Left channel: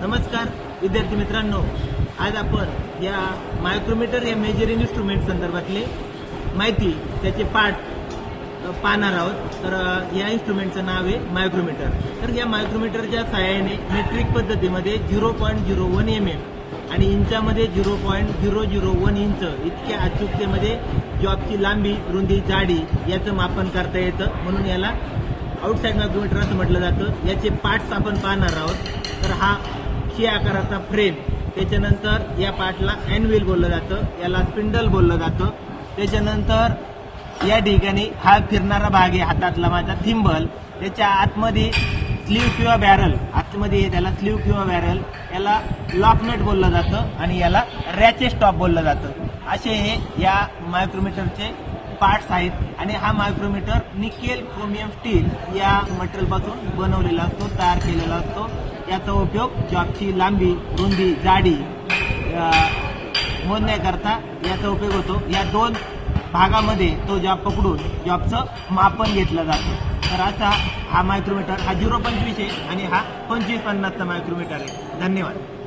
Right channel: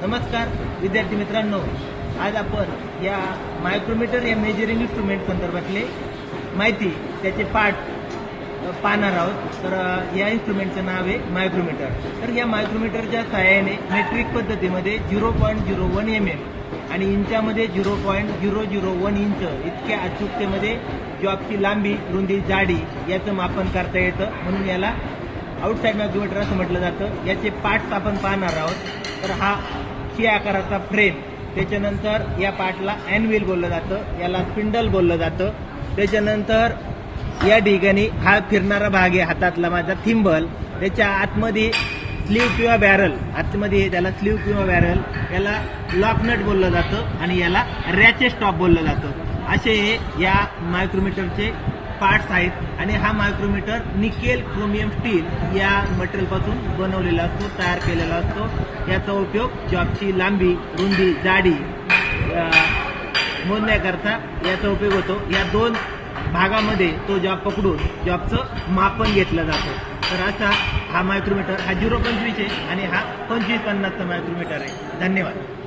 नमस्कार विद्यार्थी मित्रांनो, आज आपण या मायक्रोमीटर या मेजरिंग इन्स्ट्रुमेंट संदर्भातले माहिती त्याचे पार्ट पाहणार आहोत। तर या इन्स्ट्रुमेंटचं नाव आहे मायक्रोमीटर। तर या मायक्रोमीटरच्या सहाय्याने मेट्रिक पद्धतीमध्ये 0.01 mm आणि इंचामध्ये 0.001 इंच इतक्या अचूकतेमध्ये जॉबची लांबी, रुंदी, जाडी याचं मापन करता येतं, म्हणून याला आउटसाइड मायक्रोमीटर असं म्हटलं जातं। याचे पार्ट्स आपण पाहणार आहोत। तर हा सी आकाराचा फ्रेम, त्याच्यानंतर या पार्टला अॅनव्हिल बोललं जातं, याला स्पिंडल बोललं जातं। त्याच्यानंतर या ठिकाणी हा फिरणारा भाग आहे हातातला माझा थिंबल, त्याच्या आतमध्ये स्लीव किंवा बॅरल, आतमध्ये त्याला स्लीव किंवा बॅरल, याला लॉकनट बोललं जातं आणि याला रॅचेट स्टॉप बोललं जातं। असे हे या मायक्रोमीटरचे पार्ट्स आहेत आणि हा मायक्रोमीटर निकेल क्रोमियम स्टील या मटेरियलपासून बनवलेला असतो, तयार केलेला असतो। याचा उपयोग जॉबची लांबी, रुंदी, जाडी मोजण्याकरता याचा उपयोग होतो। या दोन भागामध्ये तो जॉब पकडून जॉबचं मापन घेतलं जातं। तर असा हा मायक्रोमीटर, हा 0.25 आहे आणि हा 25-50चा मायक्रोमीटर आहे। धन्यवाद।